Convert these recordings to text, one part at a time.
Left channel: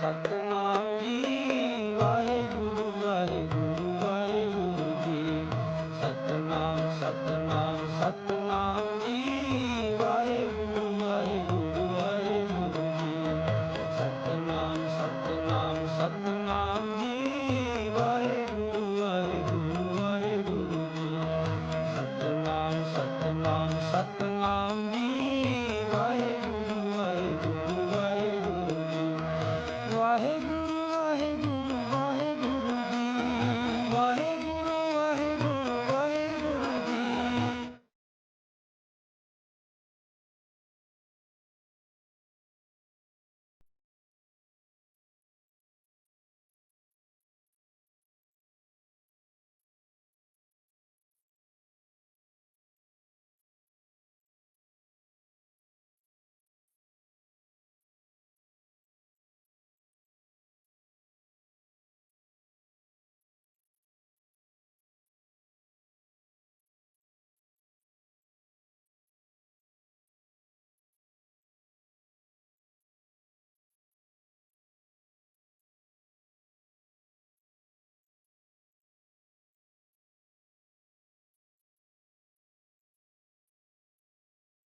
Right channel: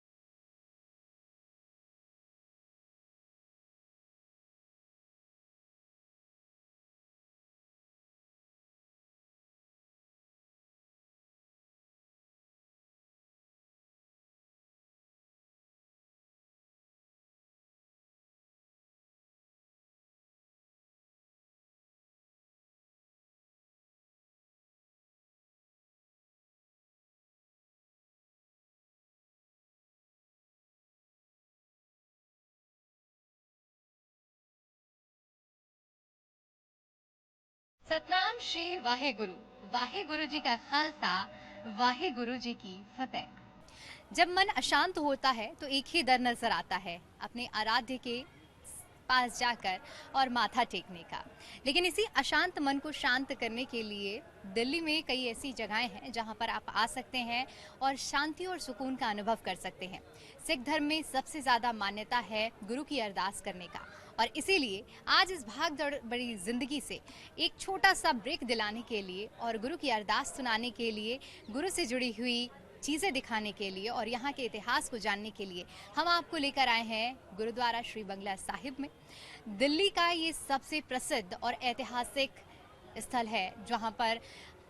सतनाम जी वाहेगुरु वाहेगुरु वाहेगुरु जी सतनाम सतनाम सतनाम जी वाहेगुरु वाहेगुरु वाहेगुरु जी सतनाम सतनाम सतनाम जी वाहेगुरु वाहेगुरु वाहेगुरु जी सतनाम सतनाम सतनाम जी वाहेगुरु वाहेगुरु वाहेगुरु जी वाहेगुरु वाहेगुरु वाहेगुरु जी वाहेगुरु वाहेगुरु वाहेगुरु जी। सतनाम श्री वाहेगुरु वाहेगुरु जी का खालसा वाहेगुरु जी की फतेह। जब मन अशांत होता है तो एक ही डर नजर आता है, अपने आराध्य के पास जाकर और माथा टेकने का। लेकिन इसी अशांत मन को शांत करने के लिए दिल्ली में कई ऐसी जगहें हैं जहां पर आप आ सकते हैं और शांति और सुकून का अनुभव कर सकते हैं। सिख धर्म में सबसे ज़्यादा मान्यता है गुरु की अरदास करने का, और इसीलिए आज इस भाग दौड़ बड़ी जिंदगी से एक छोटा सा ब्रेक दिलाने के लिए और गुरु की अरदास सुनाने के लिए, गुरु से जुड़ी हुई चीज़ें दिखाने के लिए और यहाँ के इतिहास को जानने के लिए हम आपको लेकर आए हैं गुरुद्वारा श्री बंगला साहिब में। दिल्ली का ये सबसे प्रसिद्ध और ऐतिहासिक स्थल है जहाँ पर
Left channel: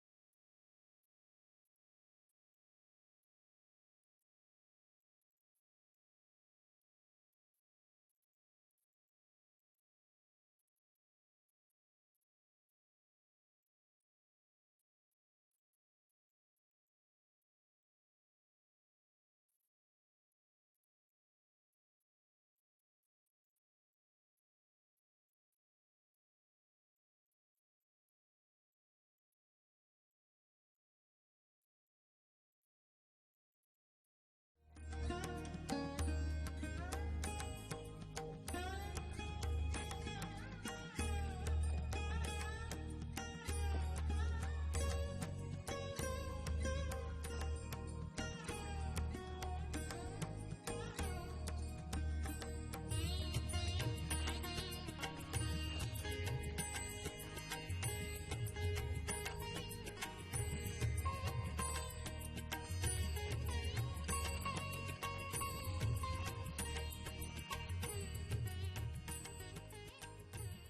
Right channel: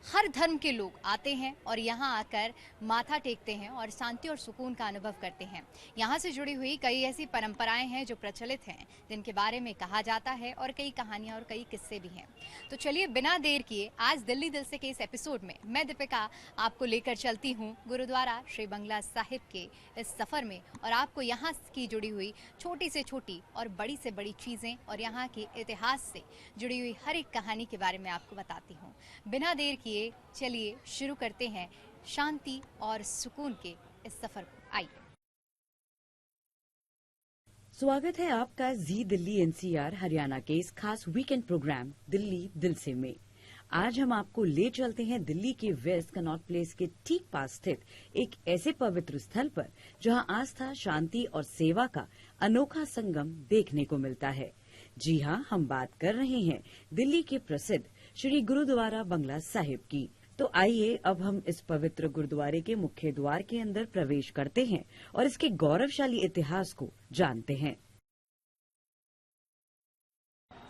हर धर्म के लोग आते हैं और यहाँ आकर माथा टेकते हैं और शांति और सुकून का अनुभव करते हैं। यहाँ से जुड़ी हुई कई ऐसी परंपराएं हैं जो प्रचलित हैं, जिनके बारे में कहा जाता है, और कई कहानियाँ और कई किस्से भी हैं। तो चलिए बिना देर किए आज दिल्ली दिल से के इस एपिसोड में मैं दीपिका आपको लेकर चलती हूँ गुरुद्वारा श्री बंगला साहिब के इस सफ़र में, और आपको यहाँ की जुड़ी हुई छोटी से छोटी और बड़ी से बड़ी चीज़ें और यहाँ के इतिहास से जुड़ी हुई हर एक कहानी के बारे में आपको बताती हूँ। बिना देर किए चलिए शुरू करते हैं शांति और सुकून के इस सफर को। आइए। स्वागत है आपका जी दिल्ली एनसीआर हरियाणा के इस खास वीकेंड प्रोग्राम दिल्ली दिल से में। आज हम आपको ले चलते हैं दिल्ली के वेस्ट कनॉट प्लेस के ठीक पास स्थित एक ऐसे पवित्र स्थल पर जहां आस्था, शांति और सेवा का अनोखा संगम देखने को मिलता है। जी हाँ, हम बात कर रहे हैं दिल्ली के प्रसिद्ध श्री गुरुद्वारा बंगला साहिब की। तो आइए अब हम इस पवित्र गुरुद्वारे के मुख्य द्वार के अंदर प्रवेश करते हैं और इसके गौरवशाली इतिहास को जानते हैं।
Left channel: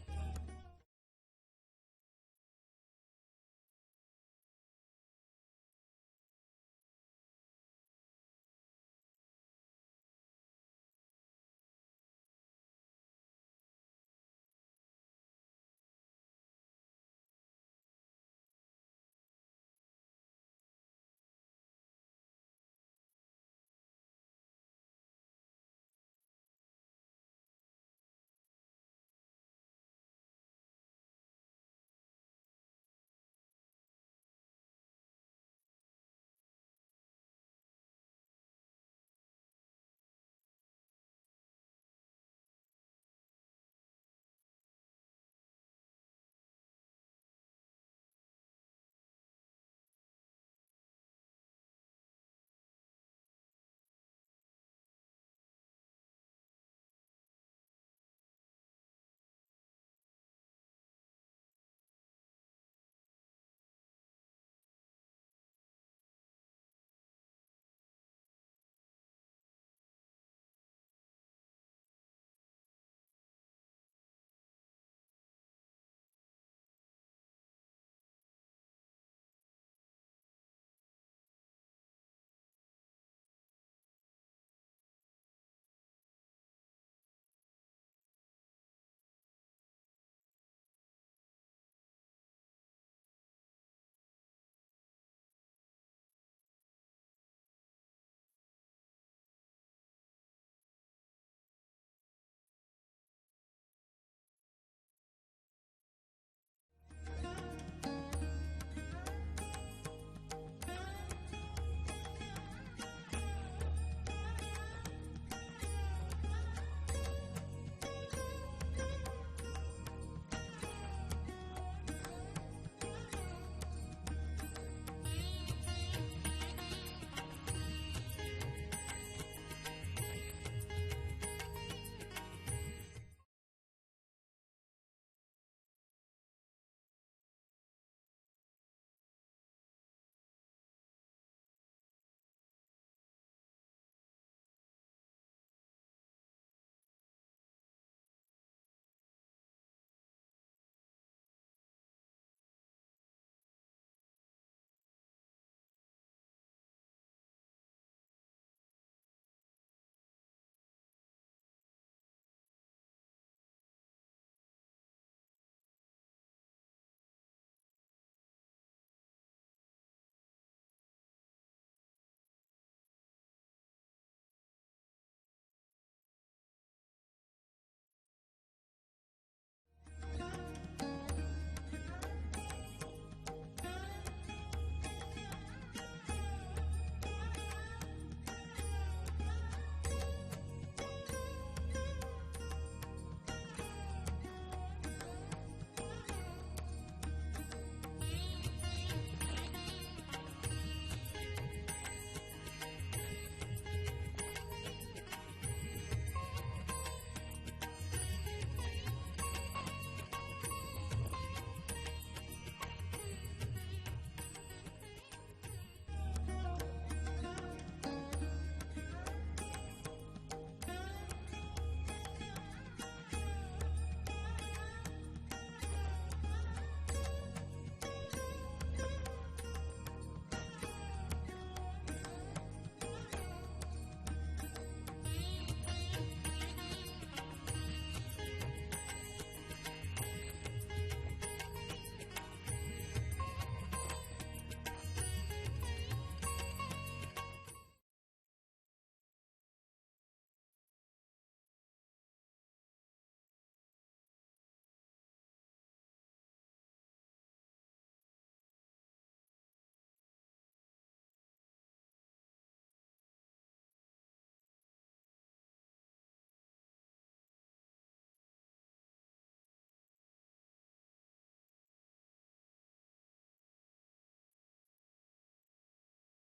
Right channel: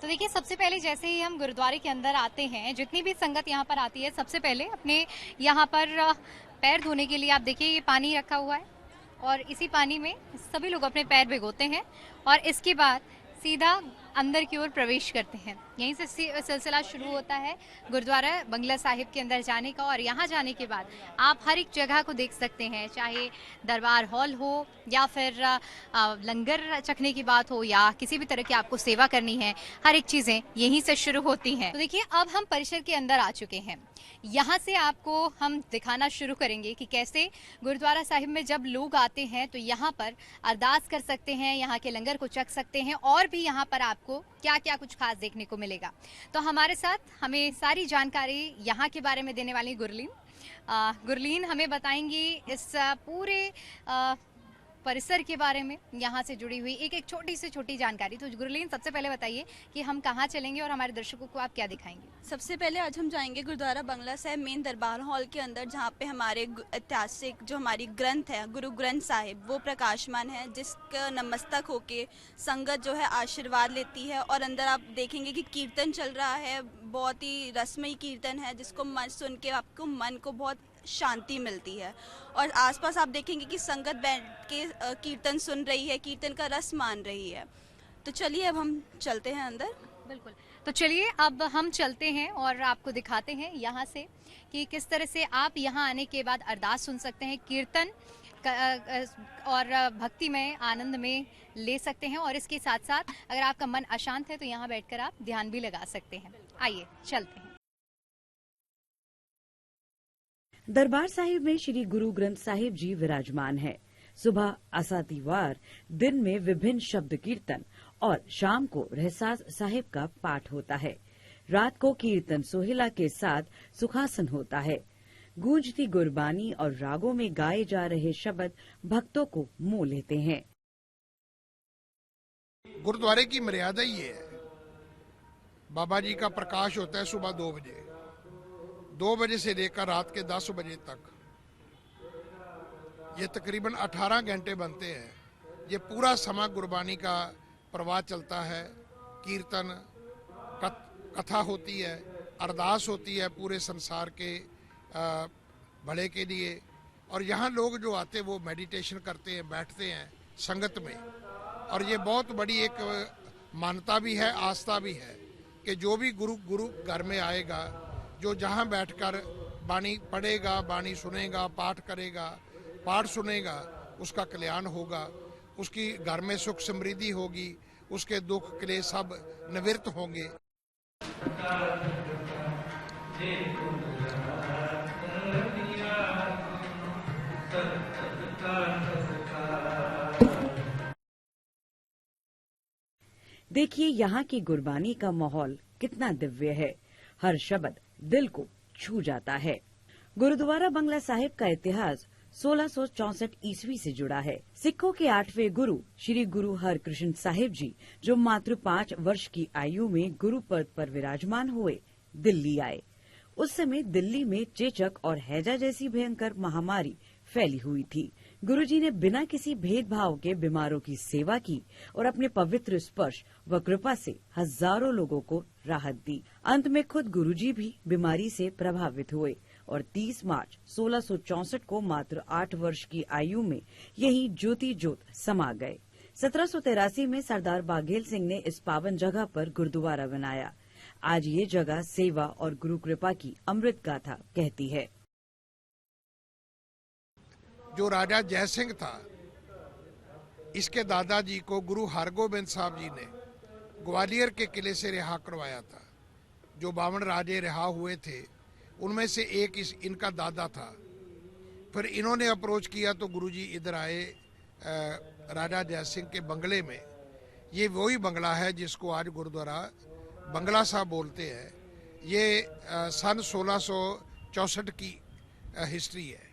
तो देखिए, सबसे पहले जैसे ही हम गुरुद्वारे के अंदर आते हैं, जितनी भी संगत यहाँ पर आती है, सबसे पहले अपने यहाँ पर पैर धोने के लिए आप देखिए ये पानी रखा हुआ है, और इसी पानी में सभी लोग अपने पैर भिगोते हैं और इसके बाद सीधा अंदर की ओर प्रवेश करते हैं। यहीं से सिलसिला शुरू होता है गुरुद्वारा बंगला साहिब के अंदर जाने का, और यहाँ जाने के बाद आप हर एक जगह को देख सकते हैं, चाहे दरबार हॉल हो या फिर लंगर चखने की बात हो या किसी भी तरह की आपको सेवा करनी है, हर एक चीज़ें यहीं से शुरू होती हैं। तो देखिए, अब हम परिसर के अंदर आ चुके हैं। यहाँ से आपको हम दिखाना शुरू करेंगे कि कैसे गुरुद्वारा साहिब में जब लोग आते हैं तो यहाँ पर अरदास कर सकते हैं, यहाँ के लंगर को चख सकते हैं, और भी यहाँ पर आपको क्या क्या कुछ खास देखने को मिलेगा। तो हमारे साथ हमें सारी जानकारी यहाँ के बारे में देने वाली गुरलीन हमें बताएंगी इस पूरे परिसर के बारे में, यहाँ से जुड़ी हुई एक एक छोटी से छोटी जानकारी। तो गुरलीन, सबसे पहले बताइए कि हम कहाँ चलेंगे और हमारे दर्शकों को आप क्या दिखाएंगे। सबसे पहले आज हम जाएंगे गुरुद्वारा बंगला साहिब मेन दरबार हॉल के अंदर, जहाँ पे हमारे ऐतिहासिक जो हमारी ग्रंथ है गुरु ग्रंथ साहिब वो प्रकाशमान है, जिसका नमस्तक होके संगत जो है आशीर्वाद लेती है। और अंदर आप देखेंगे कि कीर्तन चल रहा है, बहुत ही रसमयी कीर्तन है, जिसको मन सुन के आपको मन को बहुत शांति मिलती है। और आसपास आप देखेंगे कि संगत बैठ के कीर्तन सुन रही है, कीर्तन का रस मान रही है। तो चलिए अब हम चलते हैं अंदर। बिल्कुल, तो चलिए अब हम चलते हैं और आपको दिखाते हैं यहाँ से कि किस तरह से आप यहाँ आने के बाद अरदास सुन सकते हैं, कीर्तन और भक्ति में आनंद में ले सकते हैं, और इसके साथ साथ अगर आपका मन अशांत है तो यहाँ बैठकर आप ध्यान भी लगा सकते हैं। आइए चलते हैं। दरबार साहिब में श्री गुरु ग्रंथ साहिब जी विराजमान है। सुबह आसातीवार, दिन में विभिन्न शब्द कीर्तन और शाम को रहसास साहिब का पाठ होता है। रात को कीर्तन सोहिला के साथ सुखासन होता है। गूंजती गुरबानी और रागों में गाए जा रहे शब्द भक्तों को मोह लेते हैं। गुरुद्वारे की मर्यादा ही है, बाबा जी का प्रकाश होता है सुबह 2 बजे, 2 बजे से लेकर रात के 10 बजे तक। ये तकरीबन 18 घंटे बनते हैं। ये पूरा समा गुरबानी का प्रवाह चलता है, कीर्तन, कथा होती है, अरदास होती है पूरे संसार के भले के लिए। और यहाँ लोग जो आते हैं वो मेडिटेशन करते हैं, बैठते हैं संगत में। और ये बहुत बड़ी एक मान्यता भी है, आस्था भी है कि जो भी गुरु घर में आएगा, जो जहाँ बैठकर बाणी पढ़ेगा, बाणी सुनेगा, पाठ करेगा, पाठ सुनेगा, उसका कल्याण होगा, उसकी घर में सुख समृद्धि होगी, उसके दुख क्लेश सब निवृत्त होंगे। देखिए यहाँ की गुरबानी का माहौल कितना दिव्य है। हर शब्द दिल को छू जाता है। गुरुद्वारा बंगला साहिब का इतिहास 1664 ईस्वी से जुड़ा है। सिखों के 8वें गुरु श्री गुरु हरकृष्ण साहिब जी, जो मात्र 5 वर्ष की आयु में गुरु पद पर विराजमान हुए, दिल्ली आए। उस समय दिल्ली में चेचक और हैजा जैसी भयंकर महामारी फैली हुई थी। गुरुजी ने बिना किसी भेदभाव के बीमारों की सेवा की और अपने पवित्र स्पर्श व कृपा से हजारों लोगों को राहत दी। अंत में खुद गुरुजी भी बीमारी से प्रभावित हुए और 30 मार्च 1664 को मात्र 8 वर्ष की आयु में यही ज्योति ज्योत समा गए। 1783 में सरदार बाघेल सिंह ने इस पावन जगह पर गुरुद्वारा बनाया। आज ये जगह सेवा और गुरु कृपा की अमृत गाथा कहती है। जो राजा जय सिंह था, इसके दादाजी को गुरु हरगोबिंद साहब जी ने ग्वालियर के किले से रिहा करवाया था। जो 52 राजे रिहा हुए थे, उनमें से एक इनका दादा था। फिर इन्होंने अप्रोच किया तो गुरुजी इधर आए राजा जय सिंह के बंगले में। ये वही बंगला है जिसको आज गुरुद्वारा बंगला साहब बोलते हैं। ये सन 1664 की हिस्ट्री है।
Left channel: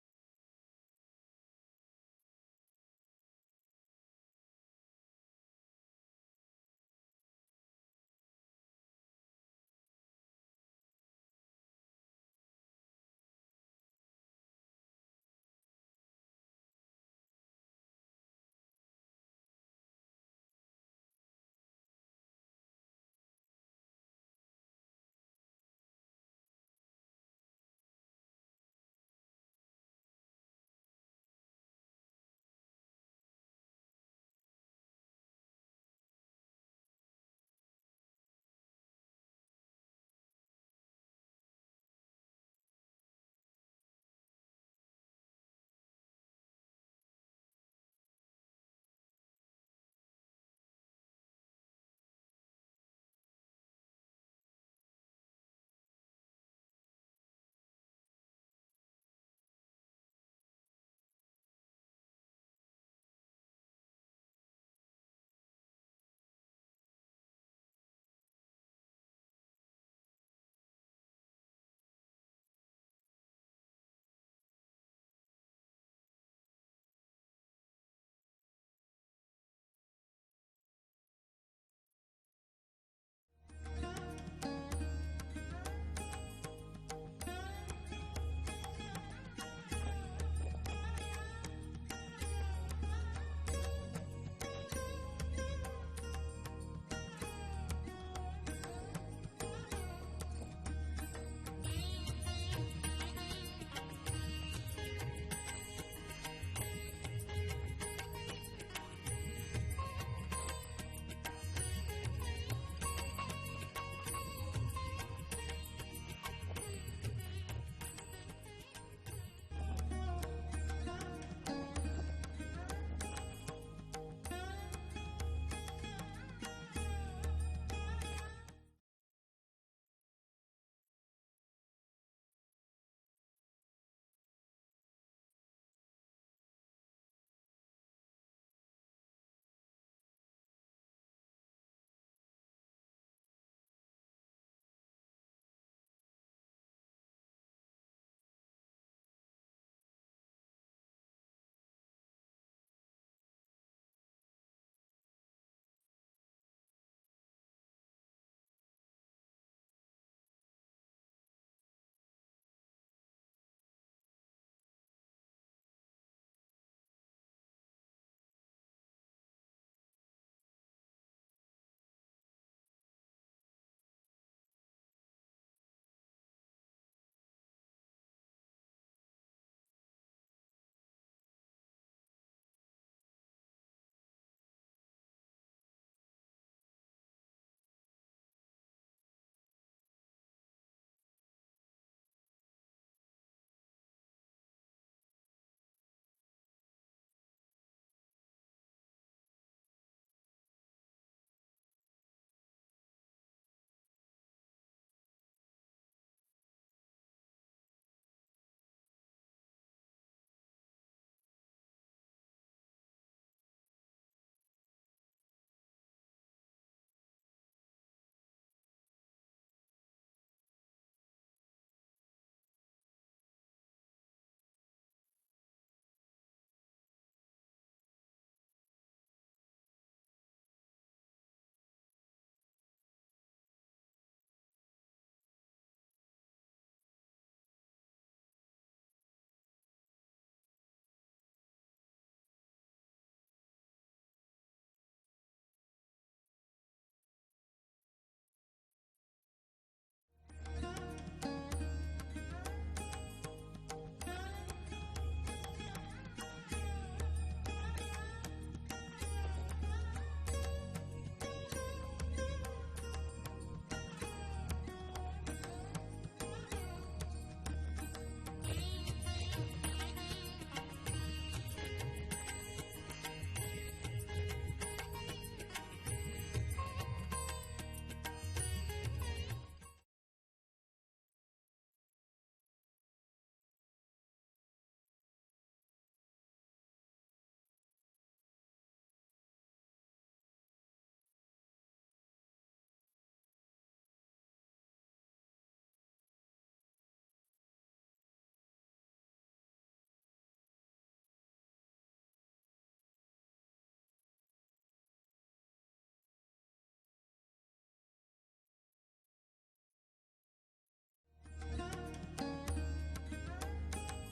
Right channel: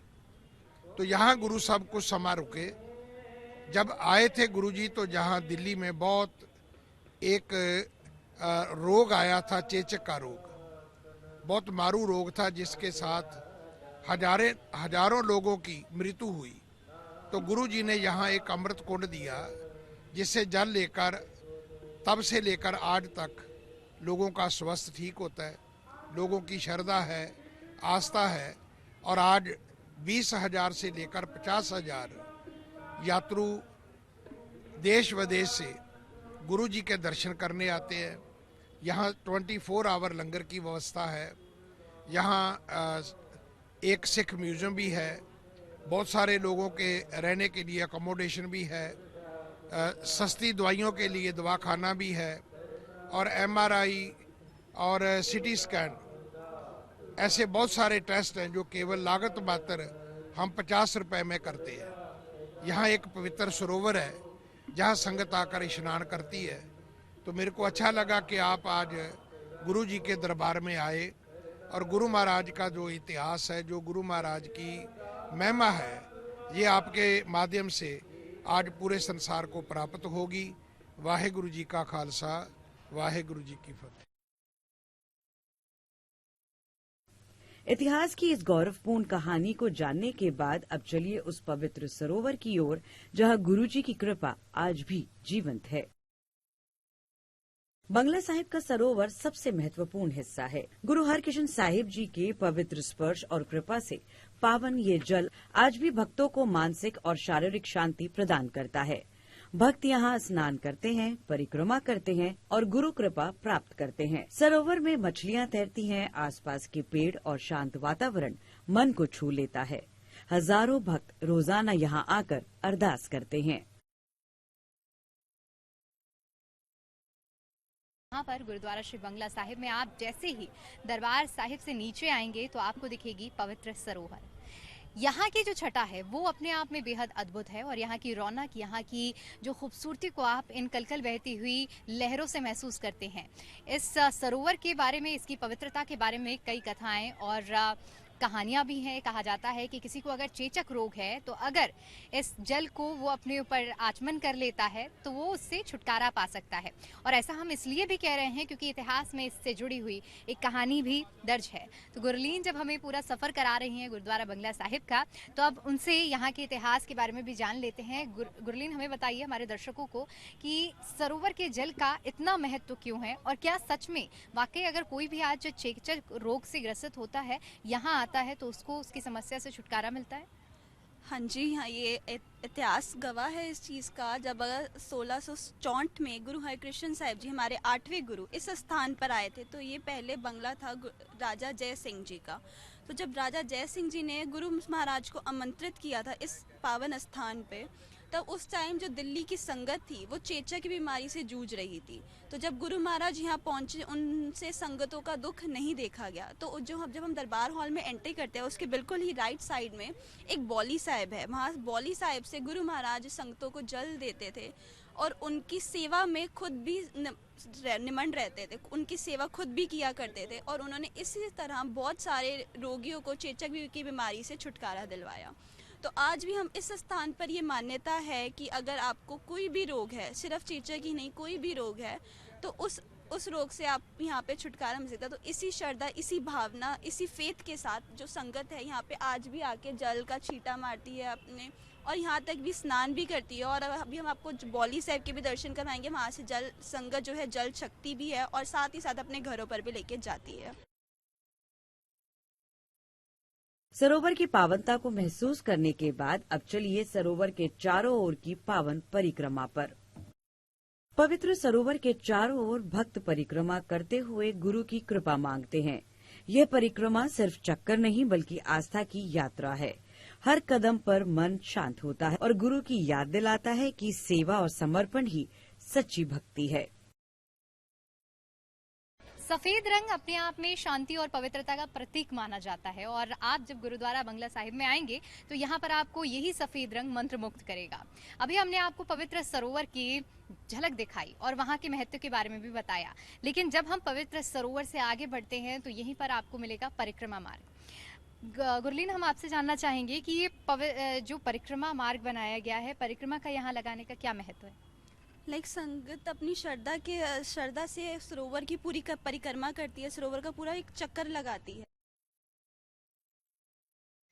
तो यहाँ गुरु साहब कुछ समय रुके। जब आए थे गुरुजी तो जहाँ दिल्ली में बहुत एक रोग आया था, चेचक का रोग, बहुत मारू रोग था, जिसके साथ हजारों लोगों की मृत्यु हुई। तो गुरुजी ने यहाँ एक अमृत कुंड दिया, जिससे जल लेकर तब से लेकर आज तक लोगों का स्वास्थ्य ठीक होता है, लोगों की श्रद्धा है, आस्था है। और आज 20,000 से लेकर 50,000 यात्रु देश विदेश से गुरु जी के दर्शन करने आते हैं। यहाँ 24 आवर लंगर की व्यवस्था है। यहाँ एक सिख म्यूजियम भी है। बहुत सारे लोगों के रहने के लिए अकोमोडेशन भी है। सस्ती दवाइयों के लिए दवाखाना भी है। और MRI और CT स्कैन, ऐसे बहुत सारे टेस्ट हैं जो केवल लागत मात्र हम 50 रुपए में करते हैं। यहाँ एक पवित्र सरोवर है जहाँ संगत आकर स्नान करती है। तो मेरे को अच्छा लगा कि आप आज गुरु जी के दरबार में आए और गुरु महाराज का जो इतिहास है, जो गुरु महाराज की महिमा है, ये आपके माध्यम से आज पूरे संसार को प्राप्त होगी। वाहेगुरु जी का खालसा, वाहेगुरु जी की फतेह। इतिहास की इस गौरवपूर्ण कहानी को जानने के बाद अब चलिए उस पवित्र सरोवर की ओर जहां गुरुजी की कृपा आज भी जीवंत है। बंगला साहिब का सरोवर सबसे महत्वपूर्ण हिस्सा है। गुरु हरकृष्ण साहिब जी के पवित्र स्पर्श और कृपा से पावन ये जल आज भी भक्तों को मानसिक और शारीरिक शांति प्रदान करता है। भक्त यहाँ स्नान करते हैं, परिक्रमा करते हैं और गुरु कृपा प्राप्त करते हैं। सरोवर में मछलियाँ तैरती हैं, आसपास के पेड़ और शांत वातावरण मन को छू लेता है। हजारों भक्त रोजाना यहाँ आकर अरदास करते हैं। यहाँ पर गुरुद्वारा श्री बंगला साहिब में आप जैसे ही दरबार साहिब से नीचे आएंगे तो आपको दिखेगी पवित्र सरोवर। यहाँ की जो छटा है वो अपने आप में बेहद अद्भुत है और यहाँ की रौनक, यहाँ की जो खूबसूरती को आप इन कलकल बहती हुई लहरों से महसूस करते हैं। इस सरोवर के बारे में, इसकी पवित्रता के बारे में कई कथाएं और कहानियां भी हैं। कहा जाता है कि किसी को अगर चेचक रोग है तो अगर इस जल को वो अपने ऊपर आचमन कर लेता है तो वो उससे छुटकारा पा सकता है। और ऐसा हम इसलिए भी कह रहे हैं क्योंकि इतिहास में इससे जुड़ी हुई एक कहानी भी दर्ज है। तो गुरलीन जब हमें पूरा सफर करा रही हैं गुरुद्वारा बंगला साहिब का, तो अब उनसे यहाँ के इतिहास के बारे में भी जान लेते हैं। गुरलीन, हमें बताइए हमारे दर्शकों को कि सरोवर के जल का इतना महत्व क्यों है, और क्या सच में वाकई अगर कोई भी आज चेचक रोग से ग्रसित होता है, यहाँ आता है तो उसको उसकी समस्या से छुटकारा मिलता है? हाँ जी, हाँ, ये इतिहास गवाह है इस चीज़ का। जब 1664 में गुरु हरिकृष्ण साहिब जी, हमारे 8वें गुरु, इस स्थान पर आए थे, तो ये पहले बंगला था राजा जय सिंह जी का। तो जब राजा जय सिंह जी ने गुरु महाराज को आमंत्रित किया था इस पावन स्थान पे, तब उस टाइम जो दिल्ली की संगत थी वो चेचक की बीमारी से जूझ रही थी। तो जब गुरु महाराज यहाँ पहुँचे, उनसे संगतों का दुख नहीं देखा गया। तो जब हम दरबार हॉल में एंट्री करते हैं, उसके बिल्कुल ही राइट साइड में एक बौली साहिब है। वहाँ बौली साहिब से गुरु महाराज संगतों को जल देते थे और उनकी सेवा में खुद भी निमन रहते थे, उनकी सेवा खुद भी किया करते थे। और उन्होंने इसी तरह बहुत सारे रोगियों को चेचक की बीमारी से छुटकारा दिलवाया। तो आज भी हम इस स्थान पर ये मान्यता है कि अगर आपको कोई भी रोग है, सिर्फ चेचक ही नहीं, कोई भी रोग है, तो उस रोग से आप यहाँ पे छुटकारा मिल सकता है। तो इसी श्रद्धा, इसी भावना, इसी फेथ के साथ जो संगत है यहाँ पे आज भी आके जल का छींटा मारती है अपने, और यहाँ तक भी स्नान भी करती है। और अभी हम आपको बौली साहिब के भी दर्शन करवाएंगे। वहाँ से जल संगत जो है जल शक्ति भी है और साथ ही साथ अपने घरों पर भी लेके जाती है। सरोवर की पावनता को महसूस करने के बाद अब चलिए सरोवर के चारों ओर की पावन परिक्रमा पर। पवित्र सरोवर के चारों ओर भक्त परिक्रमा करते हुए गुरु की कृपा मांगते हैं। यह परिक्रमा सिर्फ चक्कर नहीं बल्कि आस्था की यात्रा है। हर कदम पर मन शांत होता है और गुरु की याद दिलाता है कि सेवा और समर्पण ही सच्ची भक्ति है। सफेद रंग अपने आप में शांति और पवित्रता का प्रतीक माना जाता है, और आप जब गुरुद्वारा बंगला साहिब में आएंगे तो यहाँ पर आपको यही सफेद रंग मंत्र मुक्त करेगा। अभी हमने आपको पवित्र सरोवर की झलक दिखाई और वहाँ के महत्व के बारे में भी बताया, लेकिन जब हम पवित्र सरोवर से आगे बढ़ते हैं तो यहीं पर आपको मिलेगा परिक्रमा मार्ग। गुरलीन, हम आपसे जानना चाहेंगे कि ये जो परिक्रमा मार्ग बनाया गया है, परिक्रमा का यहाँ लगाने का क्या महत्व है? संगत अपनी श्रद्धा से सरोवर की पूरी परिक्रमा करती है, सरोवर का पूरा एक चक्कर लगाती है।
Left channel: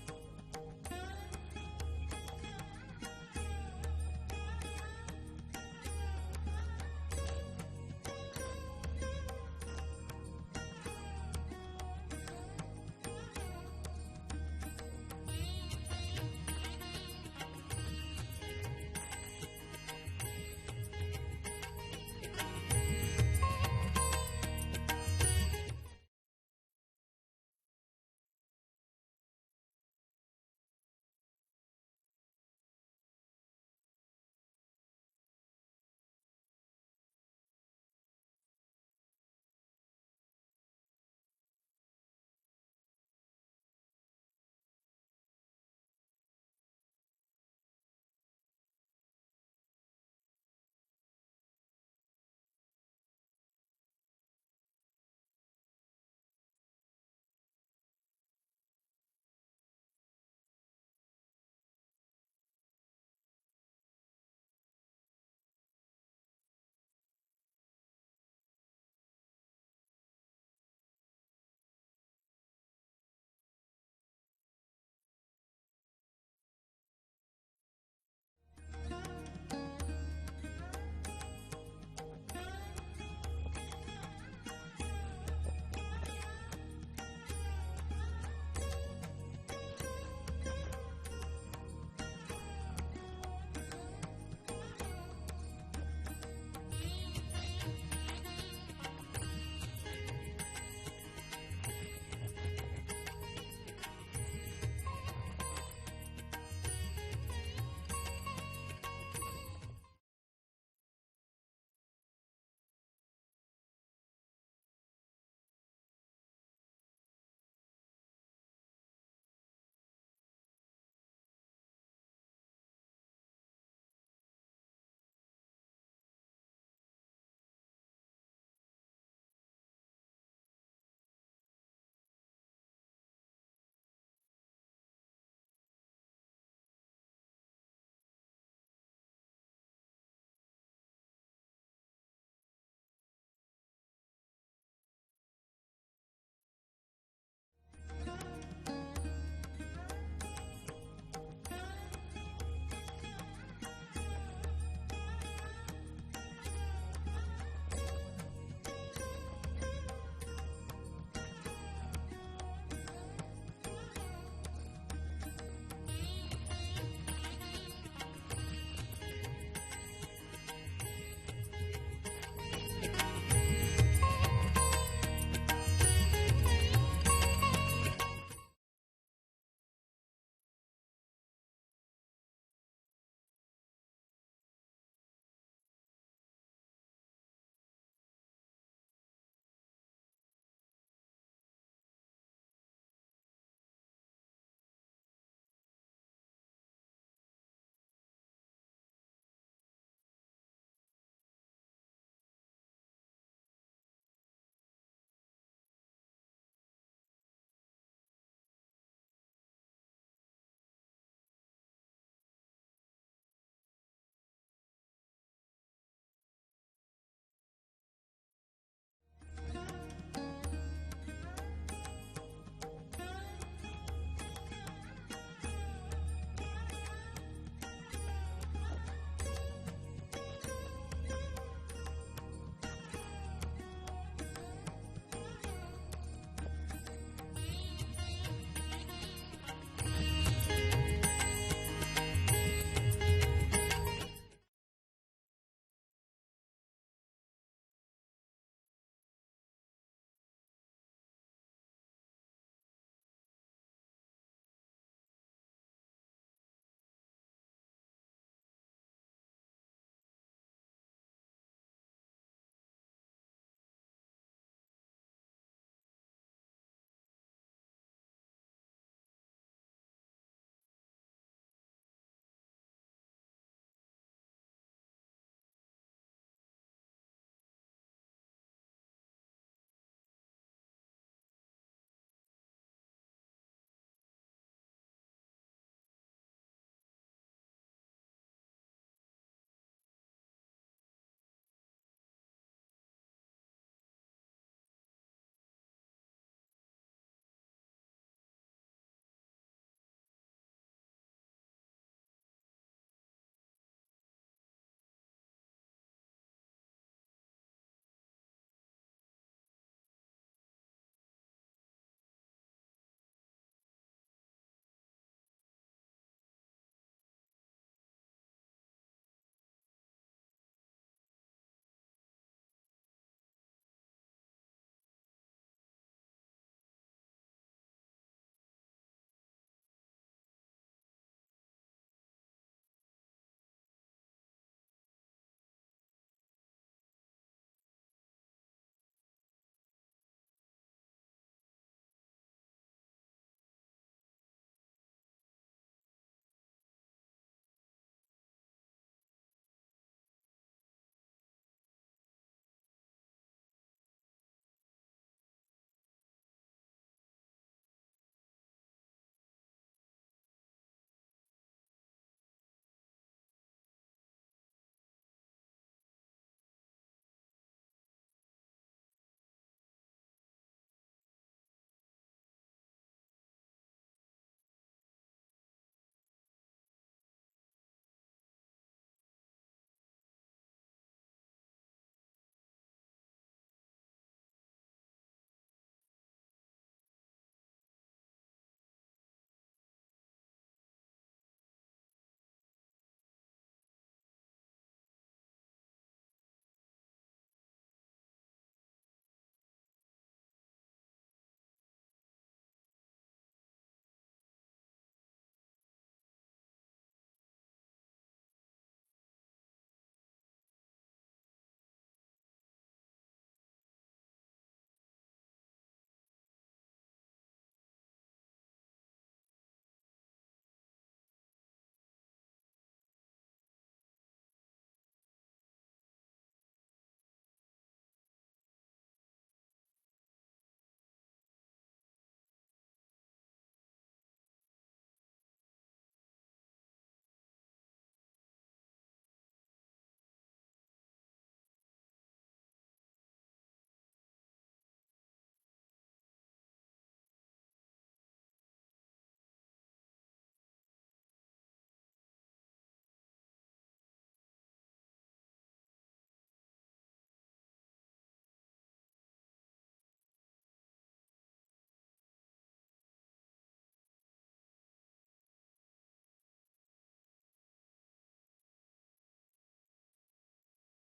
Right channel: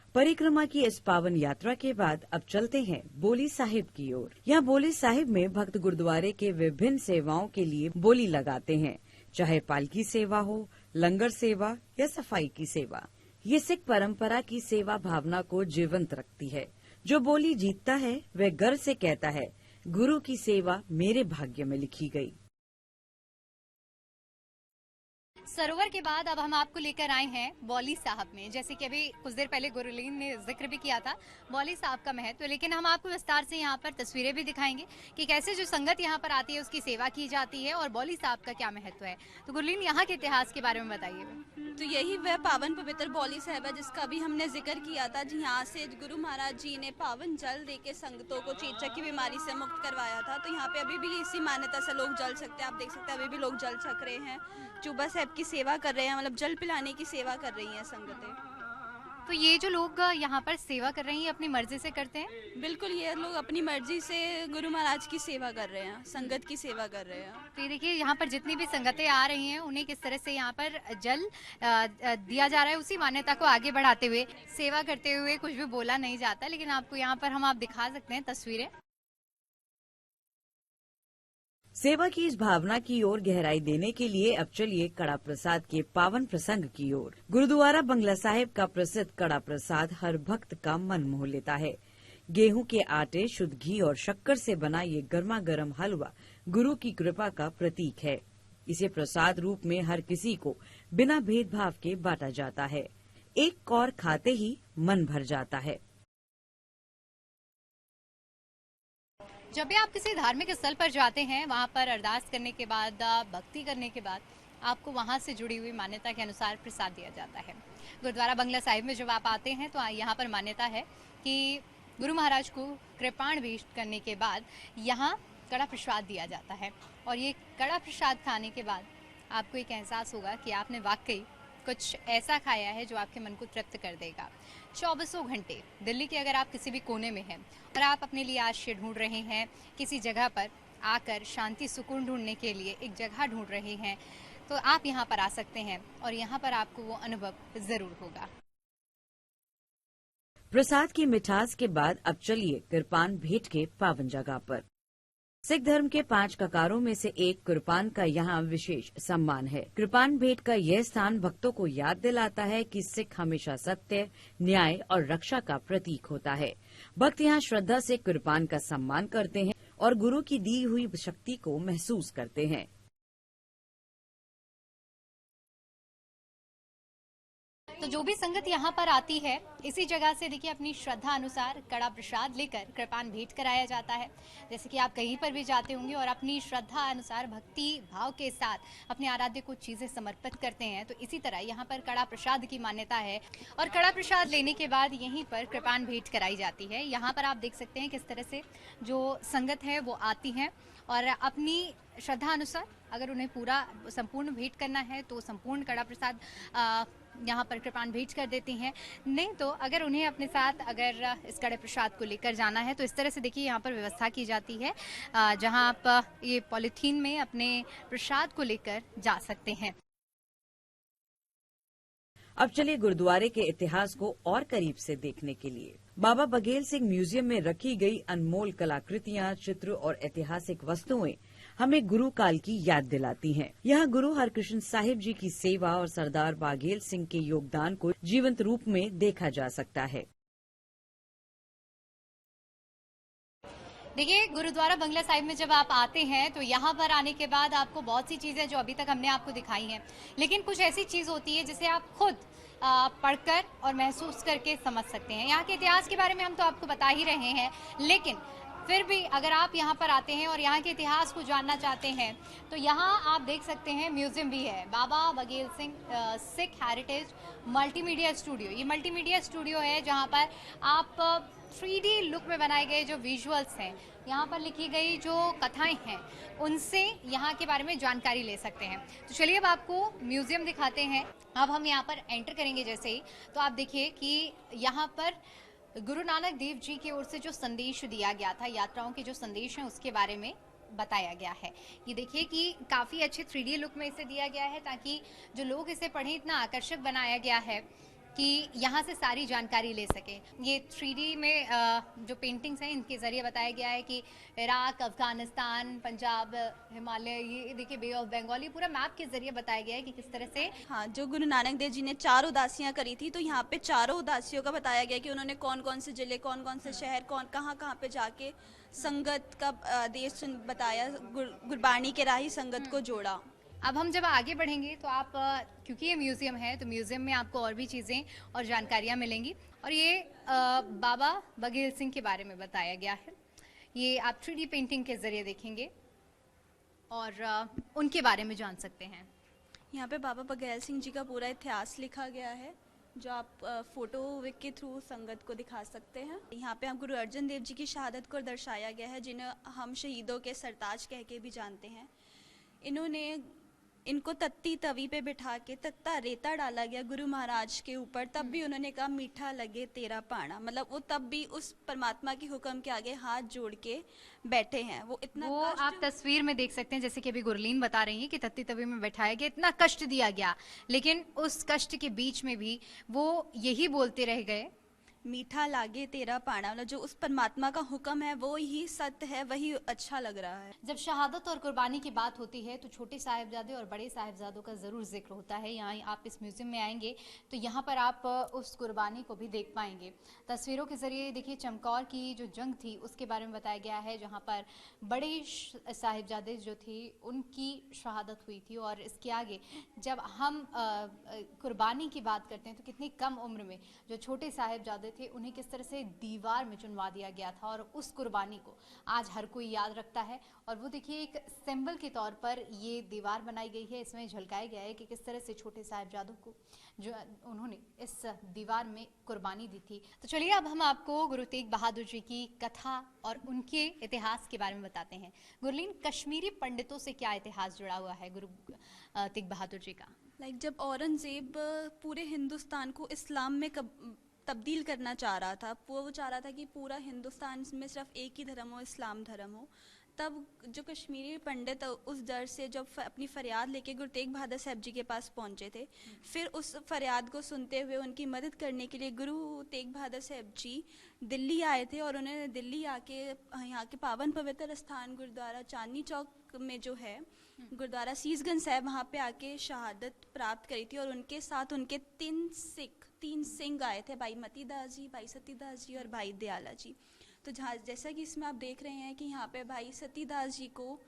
परिक्रमा की इस पावन यात्रा के बाद अब चलते हैं बोली साहिब की ओर। यहाँ बोली साहिब में भक्त गुरुद्वारे के विभिन्न सेवाओं के लिए बोली लगाते हैं, चाहे पालकी सेवा हो, लंगर सेवा या सफाई की सेवा। ये सिख परंपरा की सेवा भावना को जीवंत रखती है। जो बोली जीतता है वह गर्व से कहता है, गुरु की सेवा मेरे भाग्य में लिखी गई। सरोवर के बाद अब हम आपको लेकर आए हैं बौली साहब में। जैसे कि अभी कुछ देर पहले गुरलीन ने जिक्र भी किया था बौली साहब का महत्व, लेकिन हम आपको विस्तार से यहाँ पर तस्वीरें भी दिखाएंगे कि कैसे जो संगत यहाँ पर आती है उसकी सेवा की जाती है और बौली साहब का क्या महत्व है। तो गुरलीन, यहाँ के इतिहास के बारे में बताइए। तो यही वह पावन पवित्र बौली साहिब है जिसका अभी हमने जिक्र किया था। यहाँ से गुरु महाराज जी ने पावन जल देके संगतों को चेचक की बीमारी से मुक्त करवाया था। तो यहाँ पे अभी भी इसी मान्यता से लोग जल सकते हैं। आप देख सकते हैं अभी भी लोग जल छक रहे हैं, चूबा साहब की सेवा कर रहे हैं, मतलब जल पिलाने की सेवा कर रही हैं संगतें। तो ये जो लोग यहाँ पर सेवा कर रहे हैं अपनी मर्जी से करते हैं? बिल्कुल, ये लोग अपनी मर्जी से गुरु महाराज की सेवा कर रहे हैं, संगत की सेवा कर रहे हैं। तो ये देखिए यहाँ पर जितनी भी संगतें आ रही हैं उन्हें किस तरह से यहाँ पर जल दिया जा रहा है, उसी मान्यता को आगे बढ़ाते हुए, सेवा करते हुए कुछ भी बोला नहीं जाता। लेकिन आपको यहाँ पर हम आप दिखा सकते हैं तस्वीरें। सेवा की इस भावना की ओर गहराई देने के लिए अब चलिए कड़ा प्रसाद के पावन प्रसंग की ओर। गुरुद्वारा बंगला साहिब का प्रसिद्ध कड़ा प्रसाद हर भक्त का मन मोह लेता है। गेहूं के आटे, शुद्ध घी और शक्कर से बना ये गर्मा गर्म हलवा गुरु की कृपा का प्रतीक है। इसे प्रसाद रूप में हर किसी को बिना भेदभाव के बांटा जाता है। एक कौर खाते ही मन भर जाता है। जब भी आप किसी धार्मिक स्थल पर जाते हैं, वहाँ पर अरदास करने के बाद, भक्ति करने के बाद आपको वहाँ से जुड़ी हुई मान्यता के अनुसार प्रसाद दिया जाता है। गुरुद्वारा बंगला साहिब में जब आप आते हैं तो यहाँ पर मान्यता है कि गुरु महाराज को कृपाण भेंट करने के बाद यहाँ कड़ा प्रसाद दिया जाता है। और ये कड़ा प्रसाद खाने के बाद आपको एक एहसास होगा कि आपने वाकई कुछ ऐसा खाया है जो आपके मन को तृप्त कर देगा। 24 घंटे दिल्ली के अगर आप किसी भी कोने में हैं और आप अपने लिए आश्रय ढूंढ रहे हैं, किसी जगह पर आकर शांति सुकून ढूंढने के लिए एक जगह ढूंढ रहे हैं, तो आप यहाँ पर आ सकते हैं और यहाँ पर आपको वो अनुभव जरूर होगा। प्रसाद की मिठास के बाद अब चलिए कृपान भेंट के पावन जगह पर। सिख धर्म के 5 ककारों में से एक कृपान का यहाँ विशेष सम्मान है। कृपान भेंट का यह स्थान भक्तों को याद दिलाता है कि सिख हमेशा सत्य, न्याय और रक्षा का प्रतीक होता है। भक्त यहाँ श्रद्धा से कृपान का सम्मान करते हैं और गुरु की दी हुई शक्ति को महसूस करते हैं। तो जो भी संगत यहाँ पर आती है, इसी जगह से देखिए अपनी श्रद्धा अनुसार कड़ा प्रसाद लेकर कृपान भेंट कराया जाता है। जैसे कि आप कहीं पर भी जाते होंगे और अपनी श्रद्धा अनुसार भक्ति भाव के साथ अपने आराध्य को चीजें समर्पित करते हैं, तो इसी तरह यहाँ पर कड़ा प्रसाद की मान्यता है और कड़ा प्रसाद लेने के बाद यहीं पर कृपान भेंट कराई जाती है। यहाँ पर आप देख सकते हैं किस तरह से जो संगत है वो आती है और अपनी श्रद्धा अनुसार अगर उन्हें पूरा संपूर्ण भेंट करना है तो संपूर्ण कड़ा प्रसाद यहाँ पर कृपान भेंट कर देती हैं। नहीं तो अगर उन्हें अपने साथ अगर इस कड़े प्रसाद को लेकर जाना है तो इस तरह से देखिए यहाँ पर व्यवस्था की जाती है जहाँ आप ये पॉलीथीन में अपने प्रसाद को लेकर जा सकते हैं। अब चलिए गुरुद्वारे के इतिहास को और करीब से देखने के लिए बाबा बघेल सिंह म्यूजियम में रखी गई अनमोल कलाकृतियाँ, चित्र और ऐतिहासिक वस्तुएं हमें गुरु काल की याद दिलाती हैं। यहाँ गुरु हरकृष्ण साहिब जी की सेवा और सरदार बघेल सिंह के योगदान को जीवंत रूप में देखा जा सकता है। देखिए गुरुद्वारा बंगला साहिब में जब आप आते हैं तो यहाँ पर आने के बाद आपको बहुत सी चीजें जो अभी तक हमने आपको दिखाई हैं, लेकिन कुछ ऐसी चीज होती है जिसे आप खुद पढ़कर और महसूस करके समझ सकते हैं। यहाँ के इतिहास के बारे में हम तो आपको बता ही रहे हैं, लेकिन फिर भी अगर आप यहाँ पर आते हैं और यहाँ के इतिहास को जानना चाहते हैं तो यहाँ आप देख सकते हैं म्यूजियम भी है, Baba Baghel Singh Sikh heritage multimedia studio. ये मल्टीमीडिया स्टूडियो है जहाँ पर आप 3D लुक में बनाए गए जो विजुअल्स हैं, यहाँ पर लिखी गई जो कथाएं हैं, उनसे यहाँ के बारे में जानकारी ले सकते हैं। तो चलिए अब आपको म्यूजियम दिखाते हैं। अब हम यहाँ पर एंटर करेंगे जैसे ही तो आप देखिए कि यहाँ पर गुरु नानक देव जी की ओर से जो संदेश दिया गया था, यात्राओं के जो संदेश हैं उसके बारे में बताया गया है। ये देखिए कि काफ़ी अच्छे 3D लुक में इसे दिया गया है ताकि जो लोग इसे पढ़ें, इतना आकर्षक बनाया गया है कि यहाँ से सारी जानकारी ले सकें। ये 3D में जो पेंटिंग्स हैं इनके ज़रिए बताया गया है कि इराक, अफगानिस्तान, पंजाब, हिमालय, ये देखिए बे ऑफ बंगाल, ये पूरा मैप के ज़रिए बताया गया है कि किस तरह से हाँ, जो गुरु नानक देव जी ने 4 उदासियाँ करी थी, तो यहाँ पे चारों उदासियों का बताया गया कि उन्होंने कौन कौन से जिले, कौन कौन से शहर, कहाँ कहाँ पे जाके संगत का देश बताया, गुरबाणी के राही संगत को जोड़ा। अब हम जब आगे बढ़ेंगे तो आप क्योंकि ये म्यूज़ियम है तो म्यूज़ियम में आपको और भी चीज़ें और जानकारियाँ मिलेंगी और ये बाबा बघेल सिंह के बारे में बताया गया है। ये आप 3D पेंटिंग के ज़रिए देखेंगे और उनके बारे में जान सकते हैं। यहाँ पे बाबा बघेल सिंह जी का पूरा इतिहास लिखा गया है जो आप फोटो के थ्रू संगत को दिखा सकते हैं। यहाँ पे हम गुरु अर्जन देव जी की शहादत को दर्शाया गया है, जिन्हें हम शहीदों के सरताज कह के भी जानते हैं। इनको तत्ती तवी पे बिठा के तत्ता रेता डाला गया गुरु महाराज के ऊपर, तब भी उन्होंने कहा मीठा लगे तेरा पाना, मतलब वो तब भी उस परमात्मा के हुक्म के आगे हाथ जोड़ के बैठे हैं। वो इतना वो आप तस्वीर में देख सकते हैं, जैसे कि अभी गुरलीन बता रही हैं कि तत्ती तवी में बैठाया गया, इतना कष्ट दिया गया, लेकिन उस कष्ट के बीच में भी वो यही बोलते रह गए, मीठा लागे तेरा पाना, मतलब जो उस परमात्मा का हुक्म है वो ही सत्य है, वही अच्छा लग रहा है। जब शहादत और कुर्बानी की बात होती है तो छोटे साहिबजादे और बड़े साहिबजादों का ज़रूर जिक्र होता है। यहाँ आप इस म्यूज़ियम में आएंगे तो यहाँ पर आप उस कुर्बानी को भी देख पाएंगे। तस्वीरों के ज़रिए देखिए चमकौर की जो जंग थी उसके बारे में बताया गया है, जहाँ पर बड़े साहिबजादे जो थी उनकी शहादत हुई थी। और इसके आगे जब हम कुर्बानी की बात करते हैं तो कितनी कम उम्र में जो छोटे साहिबजादे थे उन्हें किस तरह से दीवार में चुनवा दिया गया था, और उस कुर्बानी को आज हर कोई याद रखता है। और वो देखिए एक सिंबल के तौर पर ये दीवार बनाई गई है, इसमें झलकाया गया है कि किस तरह से छोटे साहिबजादों को जो उन्होंने इस दीवार में कुर्बानी दी थी। तो चलिए अब हम आपको गुरु तेग बहादुर जी की कथा और उनके इतिहास के बारे में बताते हैं। गुरलीन, कश्मीरी पंडितों से क्या इतिहास जुड़ा हुआ है गुरु तेग बहादुर जी का? जब औरंगज़ेब पूरे हिंदुस्तान को इस्लाम में तब्दील करना चाह रहा था, वो चाह रहा था कि पूरा हिंदुस्तान में सिर्फ एक ही धर्म हो, इस्लाम धर्म हो, तब जो कश्मीरी पंडित उस डर से जब अपनी फ़रियाद लेके गुरु तेग बहादुर साहब जी के पास पहुंचे थे, फिर उस फ़रियाद को सुनते हुए उनकी मदद करने के लिए गुरु तेग बहादुर साहब जी दिल्ली आए थे। और उन्होंने दिल्ली आके यहाँ के पावन पवित्र स्थान गुरुद्वारा चांदनी चौक में जो है गुरुद्वारा सीसगंज साहब, वहाँ पे आके शहादत प्राप्त करी थी। और उनके साथ उनके तीन सिंह आए थे, भाई मती दास जी, भाई सतीदास जी और भाई दयाला जी। तो जैसा कि इसमें आप देख रहे हैं कि यहाँ पे भाई सतीदास जी को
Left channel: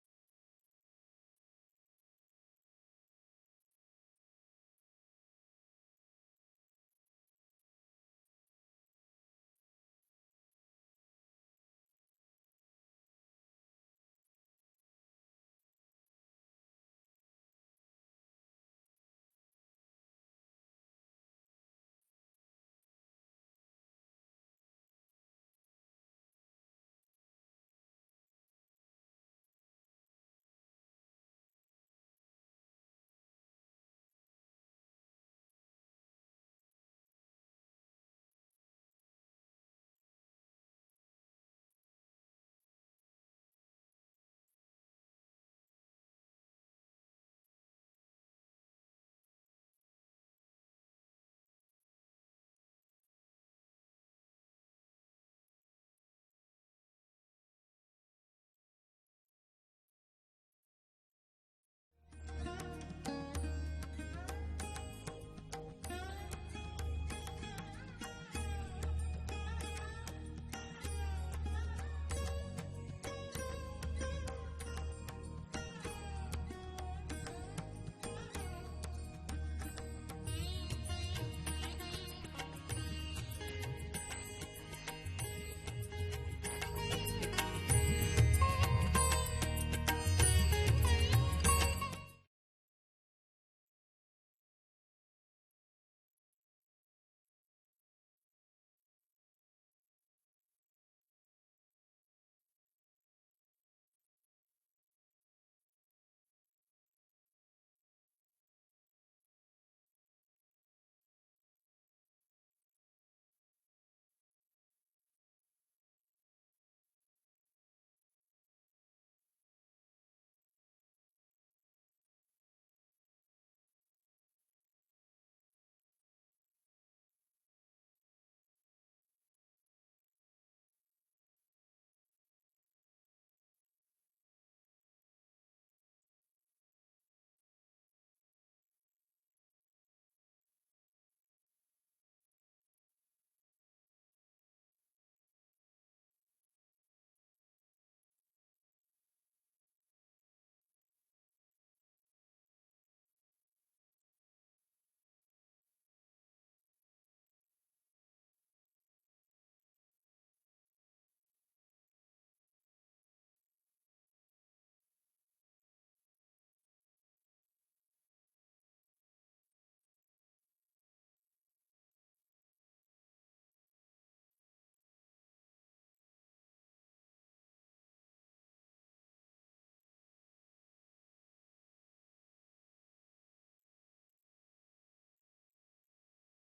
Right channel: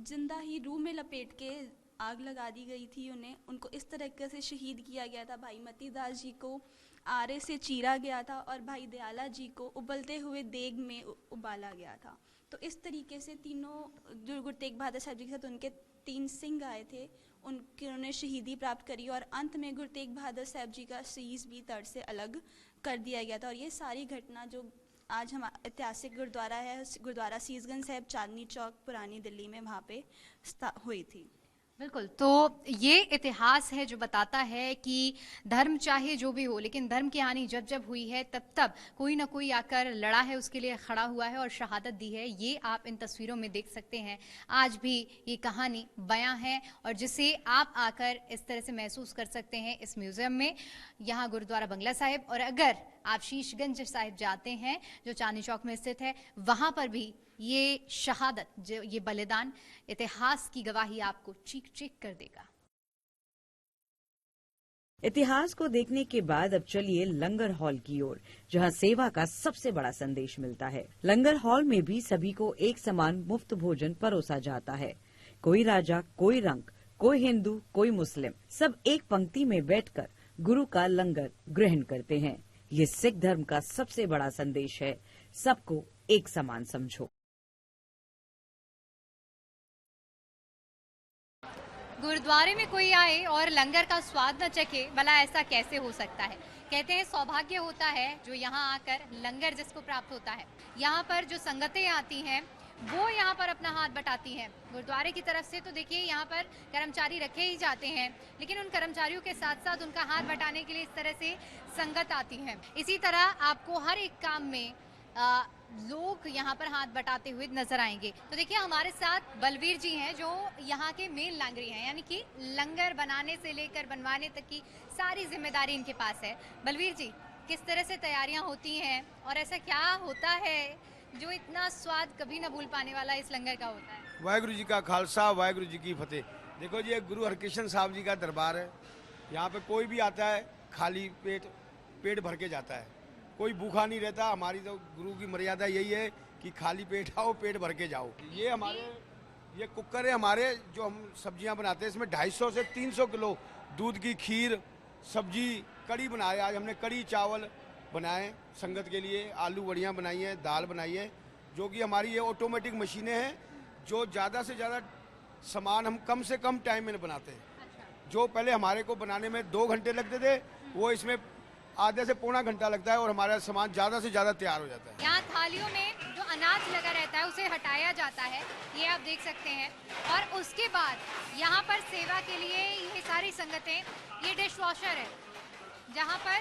जिंदा ही रूह में लपेट के आग लगा दी गई थी, उनको इस तरीके से शहीद किया गया था। भाई मती दास जी को आरे से चीरा गया था और भाई दयाला जी को उबलते हुए देग में उबाला गया था। तो इस तरीके से तीनों जो गुरु तेग बहादुर साहब जी के साथ उनके 3 सिंह आए थे, उन्होंने शहीदी प्राप्त करी और अंत में गुरु तेग बहादुर साहब जी का शीश भी धड़ से अलग कर दिया गया था। और ये सारी घटना जो आज हम ऐतिहासिक गुरुद्वारा है, गुरुद्वारा सीसगंज साहब चांदनी चौक पुरानी दिल्ली में, वहाँ पे हुई थी। बिल्कुल, तो ये इतिहास है जो बताता है कि धर्म चाहे जो भी हो, लेकिन धर्म की हानि जब जब हुई है तब तब कोई ना कोई आकर लड़ा है, उसके लिए खड़ा हुआ है और शहादत दी है। ये आप इन तस्वीरों में देख सकते हैं। आज भी ये कहानी बयां है और जिसे आप आकर इस तरह से महसूस कर सकते हैं इस म्यूजियम में, यहाँ गुरुद्वारा बंगला साहिब। और अगर आप शीशगंज साहिब जाते हैं जो चांदनी चौक में स्थित है, वहाँ पर भी ये शहादत, जो ये बलिदान, इतिहास की गवाही आपको चीख चीख कर देगा। इतिहास को देखने के बाद अब चलिए लंगर हॉल की ओर, जहां सेवा का सबसे बड़ा संदेश मिलता है। लंगर हॉल में भी सभी को एक समान मुफ्त भोजन परोसा जाता है। कोई राजा, कोई रंग, कोई हिंदू, कोई मुस्लिम, सब एक पंक्ति में बैठकर गुरु का लंगर ग्रहण करते हैं। ये सिख धर्म का सबसे बड़ा संदेश है, सबको एक समान समझो। गुरुद्वारे में कोई आए और लंगर का स्वाद न चखे, भला ऐसा कैसे हो सकता है। कहते हैं सौभाग्य होता है जो यहाँ आकर लंगर जिसको प्राप्त होता है। यहाँ पर जो संगतें आती हैं वो यहाँ पर अपना हाथ बटाती हैं। गुरुद्वारे की तरफ से तो देखिए यहाँ पर कर्मचारी रखे ही जाते हैं, लेकिन उन कर्मचारियों के साथ साथ उनका हाथ बटाने के लिए इस तरह से संगत आती है। इसी तरह आपको हर एक काम में लोग यहाँ पर हाथ बटाते हुए नजर आएंगे। तो देखिए हमारे साथ बलवीर जी हैं जो यहाँ के मेन लांगरी हैं, यानी कि लंगर बनाने से लेकर बनवाने तक की सारी जिम्मेदारी इनके पास है। बलवीर जी, किस तरह से तैयारियां होती हैं और ऐसा क्या होता है जो इतना स्वाद कभी ना भूल पाने वाला इस लंगर का होता है? वाहिगुरु जी का खालसा, वाहिगुरु जी की फतेह। देखो जी, गुरु हरकृष्ण साहब जी का दरबार है। यहाँ पे कोई भी आता है खाली पेट भर के जाता है, कोई भूखा नहीं रहता। हमारी तो गुरु की मर्यादा यही है कि खाली पेट आओ, पेट भर के जाओ। ये कुकर है हमारे, जो हम सब्जियां बनाते हैं। इसमें 250 से 300 किलो दूध की खीर, सब्जी, कड़ी बनाए। आज हमने कड़ी चावल बनाए संगत के लिए, आलू बड़ियाँ बनाई हैं, दाल बनाई है, जो कि हमारी ये ऑटोमेटिक मशीनें हैं जो ज़्यादा से ज़्यादा सामान हम कम से कम टाइम में बनाते हैं। जो पहले हमारे को बनाने में 2 घंटे लगते थे, वो इसमें आधे से पौना घंटा लगता है और हमारा सामान ज़्यादा से ज़्यादा तैयार हो जाता है। यहाँ थालियों में जो अनाज लगा रहता है उसे हटाया जाता है, ये आप देख सकते हैं। और उसके बाद यहाँ पर सेवा के लिए ये सारी संगतें, ये डिश वॉशर है जहाँ पर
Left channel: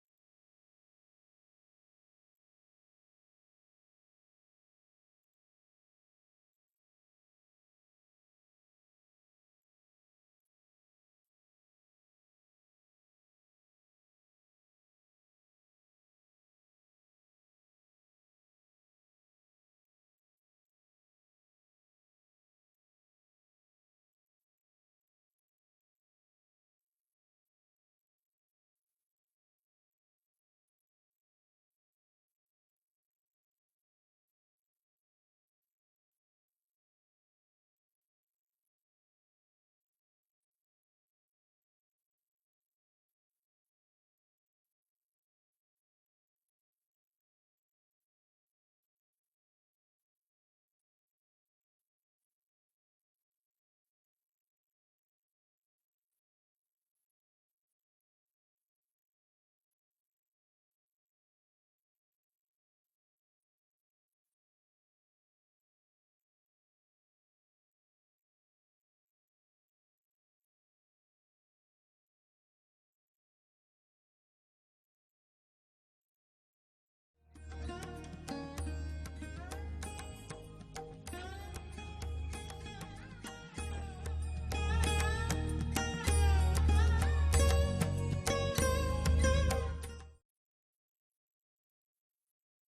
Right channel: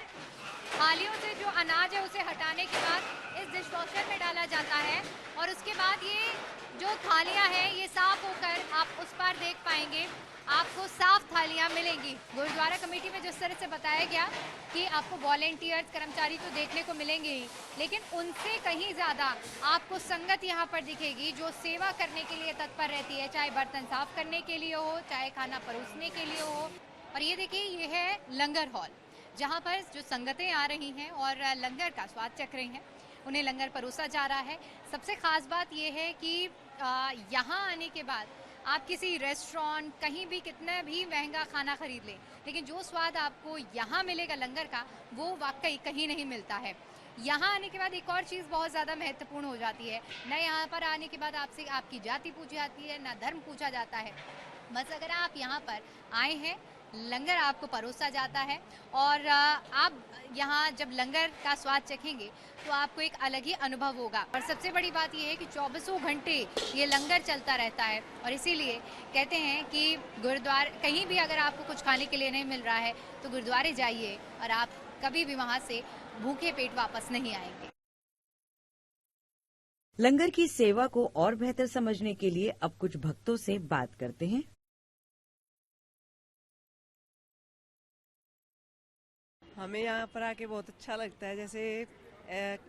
थालियों से जो अनाज है उसे हटाने के बाद इस डिश वॉशर में डाला जाता है और उसके बाद ये जो थालियाँ हैं ये साफ होकर आप उस पर देख पाएंगे, आपको साफ थालियाँ मिलेंगी। गुरुद्वारा कमेटी में जिस तरह से बताया गया कि आपको वॉलेंटियर्स, कर्मचारी तो देखने को मिलेंगे ही, लेकिन उनसे कहीं ज़्यादा आपको संगत यहाँ पर दिखेगी जो सेवा करने के लिए तत्पर रहती है, चाहे बर्तन साफ करने के लिए हो, चाहे खाना परोसने के लिए हो। और ये देखिए, ये है लंगर हॉल जहाँ पर जो संगतें आ रही हैं और लंगर का स्वाद चख रही हैं, उन्हें लंगर परोसा जा रहा है। सबसे ख़ास बात ये है कि यहाँ आने के बाद आप किसी रेस्टोरेंट, कहीं भी कितना भी महंगा खाना खरीद लें, लेकिन जो स्वाद आपको यहाँ मिलेगा लंगर का, वो वाकई कहीं नहीं मिलता है। यहाँ आने के बाद एक और चीज़ बहुत ज़्यादा महत्वपूर्ण हो जाती है, न यहाँ पर आने के बाद आपसे आपकी जाति पूछी जाती है, न धर्म पूछा जाता है। बस अगर आप यहाँ पर आए हैं, लंगर आपको परोसा जाता है और आप यहाँ जब लंगर का स्वाद चखेंगे तो आपको एक अलग ही अनुभव होगा। और सबसे बड़ी बात यह है कि 24 घंटे ये लंगर चलता रहता है और इसीलिए कहते हैं कि गुरुद्वारे कहीं भी अगर आपको कुछ खाने के लिए नहीं मिल रहा है तो गुरुद्वारे जाइए और आप कभी भी वहाँ से भूखे पेट वापस नहीं आएंगे। लंगर की सेवा को और बेहतर समझने के लिए अब कुछ भक्तों से बात करते हैं। हमें यहाँ पर आके बहुत अच्छा लगता है, जैसे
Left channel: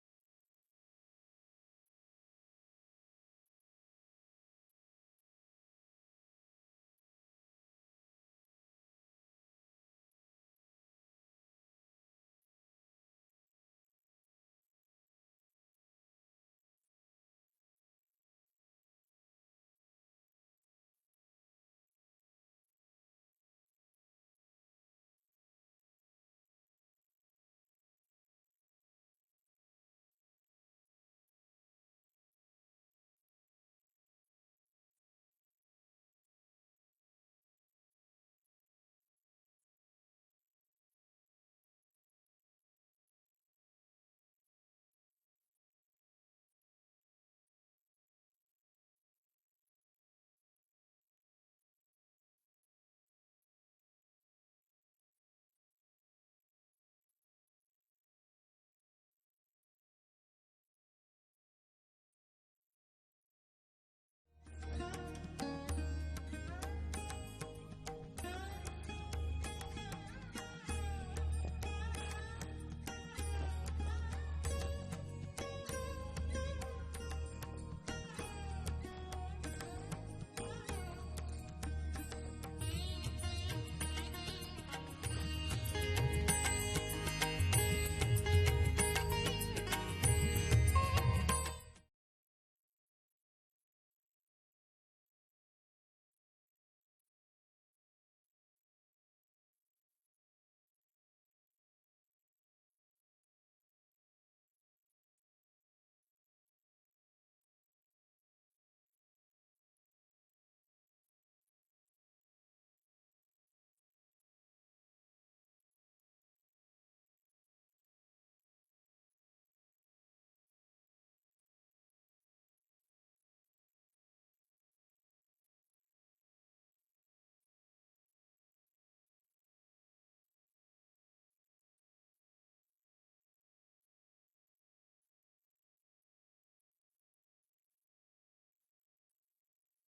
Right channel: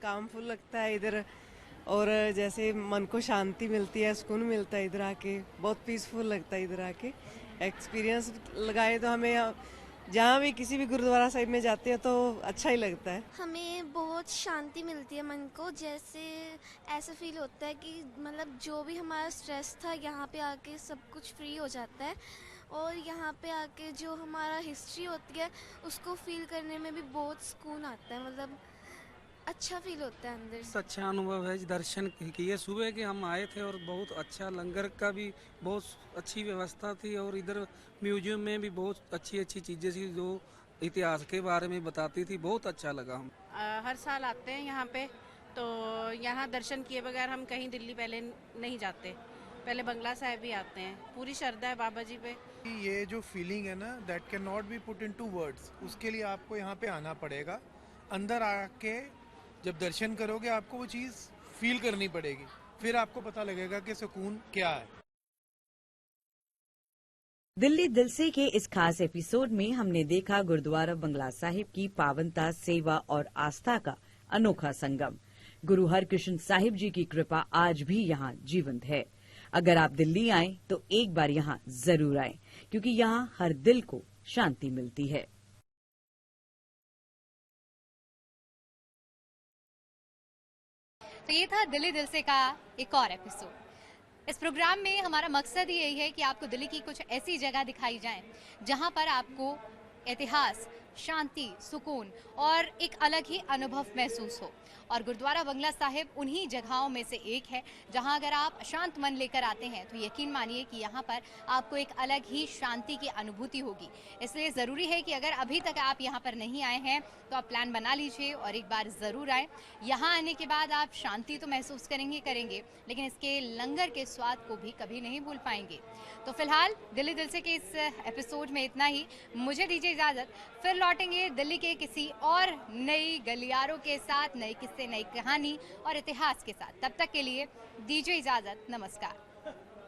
कामफुल लगता है इधर और जैसे मन को शांति मिलती है, सुकून मिलता है इधर आके, बहुत पीसफुल लगता है इधर आके। एक्सपीरियंस लगाए तो हमें जहाँ भी किसी भी गुरुद्वारा साहिब में जाते हैं तो अच्छा ही लगता है। हमें बहुत शांति मिलती है मन को, जैसे ऐसा फील होता है कि मतलब जो भी हमारा स्ट्रेस था यहाँ पे आके सब कुछ फ्री हो जाता है और यहाँ पे आके जो हमारा हिस्ट्री होती है उसको फील करने में भी बहुत सुकून आता है, मतलब अच्छा फील होता है अंदर से। अच्छा अनुभव है, दर्शन किए सुबह के हम आए थे और बहुत अच्छा लंगर का भी बहुत अच्छी व्यवस्था थी और इधर म्यूजियम में भी बहुत अच्छी अच्छी चीज़ें थी जो इतिहास के बारे में बताती थी, बहुत अच्छा लगा। हम हर साल आते हैं यहाँ पे, तो यहाँ दर्शन किए बगैर हम कहीं दिल्ली पहले नहीं जाते, पहले बंगला साहिब भी आते हैं। पूरी श्रद्धा है बाबा जी पे। ये जो फीलिंग है ना, that can not be put into words, उसके लिए आपको यहाँ पे आना पड़ेगा। अंदर आके जब दर्शन करोगे आपको वो चीज़ फील करनी पड़ेगी, फिर आपको पता लगेगा कि सुकून क्या है। दिल्ली दिल से के इस खास एपिसोड में हमने देखा गुरुद्वारा बंगला साहिब की पावनता, सेवा और आस्था का अनोखा संगम। गुरु हरकृष्ण साहिब जी की कृपा आज भी यहाँ जीवंत है। अगर आप दिल्ली आएं तो एक बार यहाँ जरूर आएं, क्योंकि यहाँ हर दिल को शांति मिलती है। ये था दिल्ली दिल से का एक और एपिसोड। इस प्रोग्राम में हमारा मकसद ही यही है कि आपको दिल्ली की कुछ ऐसी जगह दिखाई जाए जहां पर आपको इतिहास, शांति, सुकून और एक अलग ही अनुभव महसूस हो। और गुरुद्वारा बंगला साहिब उन्हीं जगहों में से एक है जहां अगर आप शांत मन लेकर आते हैं तो यकीन मानिए कि यहाँ पर आपको एक अलग ही शांति की अनुभूति होगी। इसलिए ज़रूरी है कि अगर अभी तक आप यहाँ पर नहीं आए हैं तो आप प्लान बना लीजिए और एक बार ज़रूर आए। यहाँ आने के बाद आप शांति तो महसूस करेंगे, लेकिन इसके लंगर के स्वाद को भी कभी नहीं भूल पाएंगे। तो फिलहाल दिल्ली दिल से के इस एपिसोड में इतना ही। मुझे दीजिए इजाज़त, फिर लौटेंगे दिल्ली के किसी और नई गलियारों के साथ, नए किस्से, नई कहानी और इतिहास के साथ। तब तक के लिए दीजिए इजाज़त, नमस्कार।